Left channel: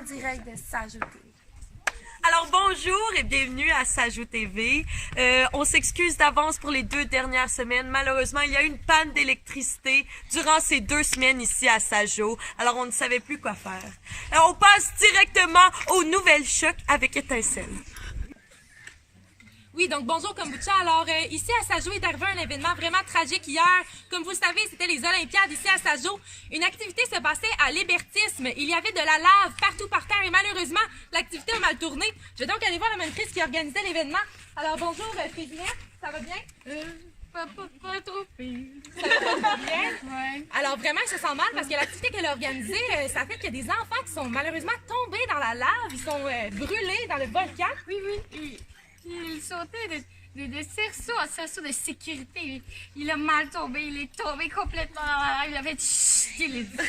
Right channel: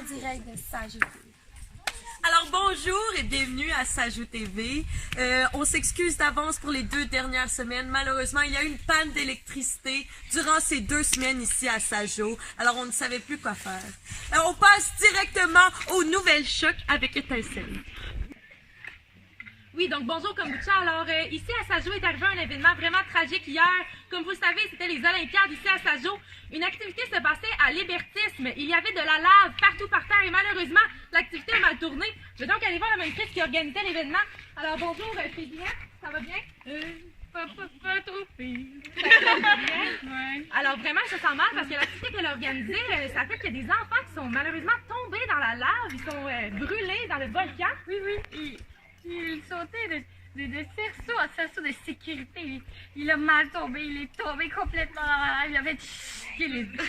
en direct de Sajou TV. Alors bonjour et bienvenue à Sajou TV. On s'excuse d'avance pour les 2 dernières semaines. Malheureusement, il y a eu une panne d'électricité durant ces 2 semaines ici à Sajou. Alors on ne savait plus quoi faire. On passe directement aux nouvelles chocs avec Étincelle. Oui, donc bonjour Kombucha. Alors ici à Sajou est arrivé un événement vraiment tragique hier. Comme vous le savez, c'était les Olympiades ici à Sajou. Une activité se passait à l'hébertisme. Il y avait de la lave partout par terre et malheureusement, l'activité a mal tourné. Je vais donc aller voir la monitrice qui organisait l'événement. Alors bonjour Fézina, ça va bien? Pas trop pire. Ça va bien? Ouais. Alors vraiment, je sens mal parce que l'activité qu'elle a organisée, ça fait qu'il y a des enfants qui sont malheureusement tombés dans la lave. Ils sont brûlés dans le volcan. Oui. Il sautait de cerceau à cerceau de sécurité. Il a mal tombé, il est tombé complètement dans la lave. Il avait chié les dents.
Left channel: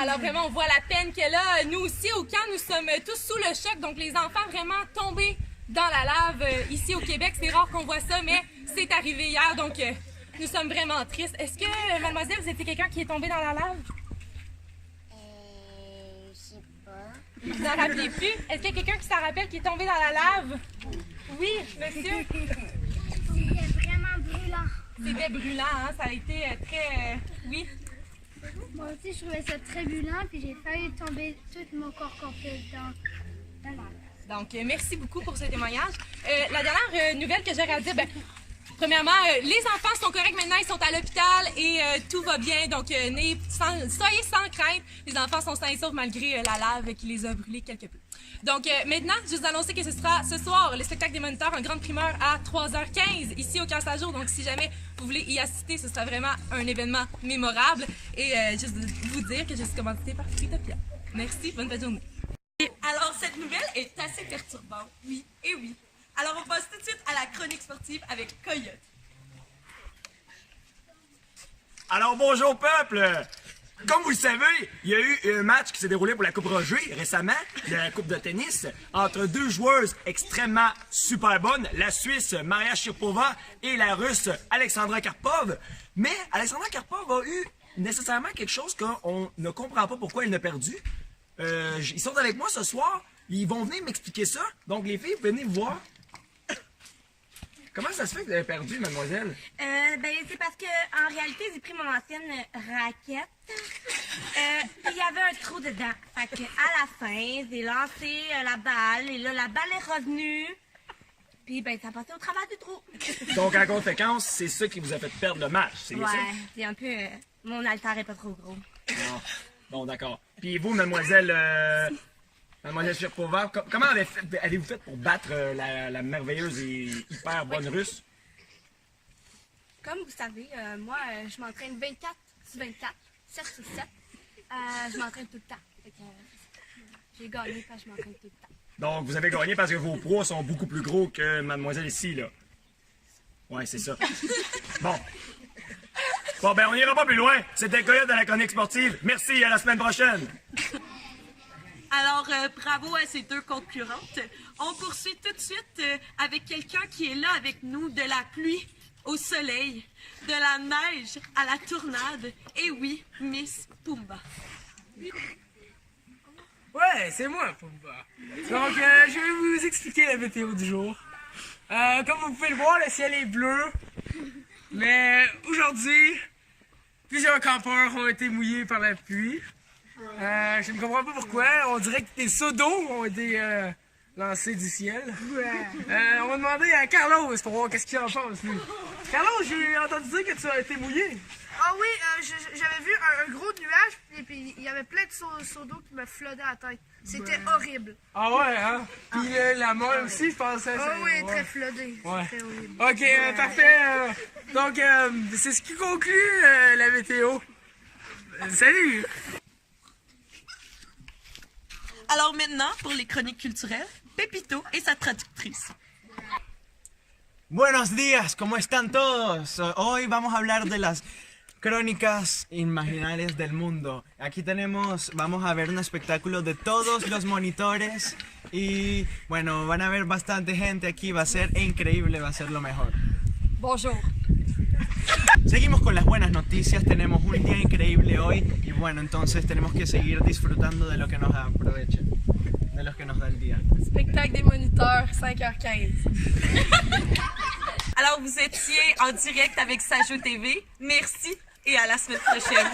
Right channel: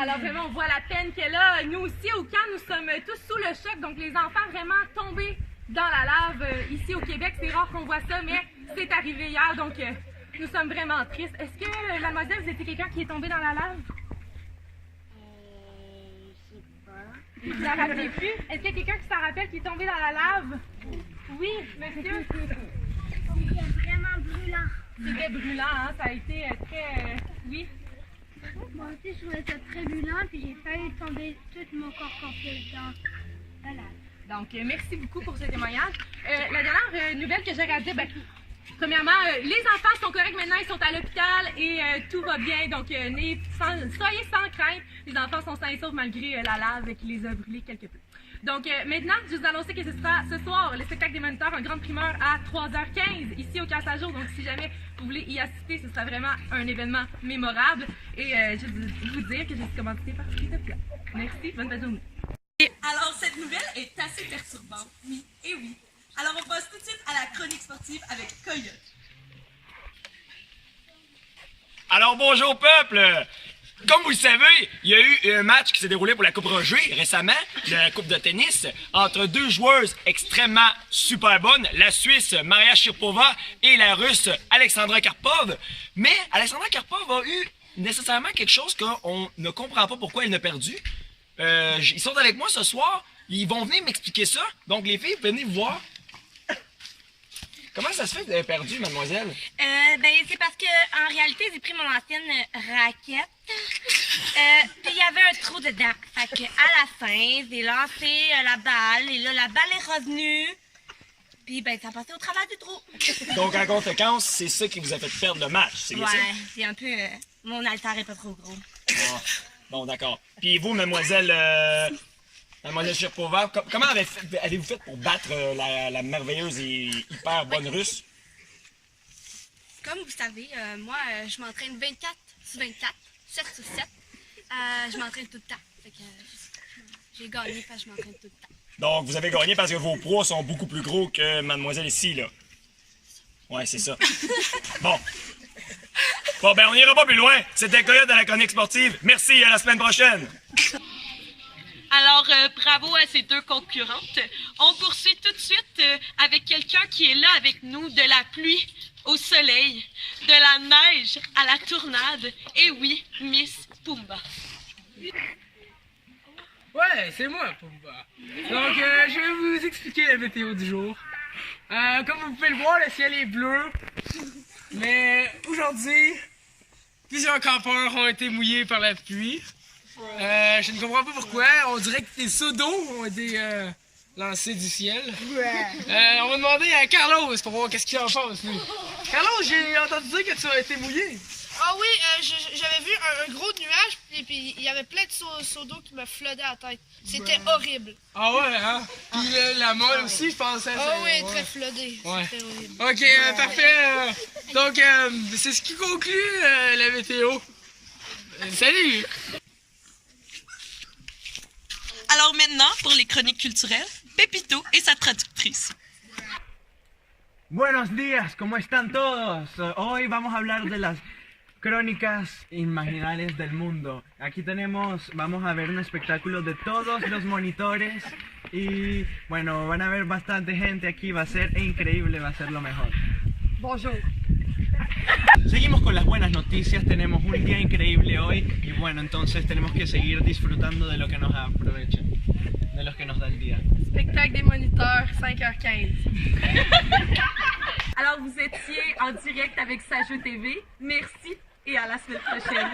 Alors vraiment, on voit la peine qu'elle a. Nous aussi, au camp, nous sommes tous sous le choc. Donc les enfants vraiment tombés dans la lave. Ici au Québec, c'est rare qu'on voit ça, mais c'est arrivé hier. Donc nous sommes vraiment tristes. Est-ce que, mademoiselle, vous étiez quelqu'un qui est tombé dans la lave? Je sais pas. Vous vous en rappelez plus? Est-ce qu'il y a quelqu'un qui s'en rappelle qui est tombé dans la lave? Oui, monsieur? C'était vraiment brûlant. C'était brûlant, hein? Ça a été très... Oui? Moi aussi, je trouvais ça très brûlant, puis j'ai failli tomber tout mon corps complet dans la lave. Donc, merci beaucoup pour ce témoignage. La dernière nouvelle que j'aurais à dire, premièrement, les enfants sont corrects maintenant, ils sont à l'hôpital et tout va bien. Donc, soyez sans crainte. Les enfants sont sains et saufs malgré la lave qui les a brûlés quelque peu. Donc, maintenant, je vous annonce que ce sera ce soir le spectacle des moniteurs en grande primeur à 3h15 ici au Camp Sajou. Donc, si jamais vous voulez y assister, ce sera vraiment un événement mémorable. Et juste vous dire que je suis commanditée par Fritopia. Merci, bonne fin de journée. Alors cette nouvelle est assez perturbante. Oui, et oui. Alors on passe tout de suite à la chronique sportive avec Coyote. Alors bonjour peuple! Comme vous le savez, il y a eu un match qui s'est déroulé pour la Coupe Roger récemment, la Coupe de tennis, entre 2 joueuses extrêmement super bonnes, la Suisse Maria Sharapova et la Russe Alexandra Karpov. Mais Alexandra Karpov a eu nécessairement quelque chose qu'on ne comprend pas pourquoi elle a perdu. Ils sont avec moi ce soir, ils vont venir m'expliquer ça. Donc les filles, venez vous voir. Comment ça se fait que vous avez perdu, mademoiselle? C'est parce que en réalité, j'ai pris mon ancienne raquette. Puis il y avait un trou dedans. Fait que à la fin, j'ai lancé la balle et là, la balle est revenue. Puis ça a passé au travers du trou. Donc en conséquence, c'est ça qui vous a fait perdre le match, c'est bien ça? Ouais, c'est un peu... mon altar est pas trop gros. Ah, bon, d'accord. Puis vous, mademoiselle Sharapova, comment avez-vous fait pour battre la merveilleuse et hyper bonne Russe? Comme vous savez, moi, je m'entraîne 24 sur 24, 7 sur 7. Je m'entraîne tout le temps. Fait que j'ai gagné parce que je m'entraîne tout le temps. Donc vous avez gagné parce que vos pros sont beaucoup plus gros que mademoiselle ici, là. Ouais, c'est ça. Bon, on n'ira pas plus loin. C'était Coyote à la chronique sportive. Merci, à la semaine prochaine. Alors, bravo à ces 2 concurrentes. On poursuit tout de suite avec quelqu'un qui est là avec nous, de la pluie au soleil, de la neige à la tournade. Et oui, Miss Pumba. Ouais, c'est moi, Pumba. Donc, je vais vous expliquer la météo du jour. Comme vous pouvez le voir, le ciel est bleu. Mais aujourd'hui, plusieurs campeurs ont été mouillés par la pluie. Je ne comprends pas pourquoi. On dirait que des seaux d'eau ont été lancés du ciel. On va demander à Carlos pour voir qu'est-ce qu'il en pense, lui. Carlos, j'ai entendu dire que tu as été mouillé. Ah oui, j'avais vu un gros nuage et puis il y avait plein de seaux d'eau qui me flottaient à la tête. C'était horrible. Ah ouais, hein? Puis la molle aussi, je pensais. Ah oui, très flotté. Ouais. C'était horrible. Ok, parfait. Donc, c'est ce qui conclut la météo. Salut! Alors maintenant, pour les chroniques culturelles, Pepito et sa traductrice. Buenos días, ¿cómo están todos? Hoy vamos a hablar de las crónicas imaginarias del mundo. Aquí vamos a ver un espectáculo de todos los monitores y bueno, van a ver bastante gente aquí, va a ser increíble, va a ser lo mejor. Bonjour. Seguimos con las buenas noticias, tenemos un día increíble hoy y bueno, entonces tenemos que seguir disfrutando de lo que nos aprovecha, de lo que nos da el día. Spectacle des moniteurs, 5h15. Alors, vous étiez en direct avec Sajo TV. Merci et à la semaine prochaine.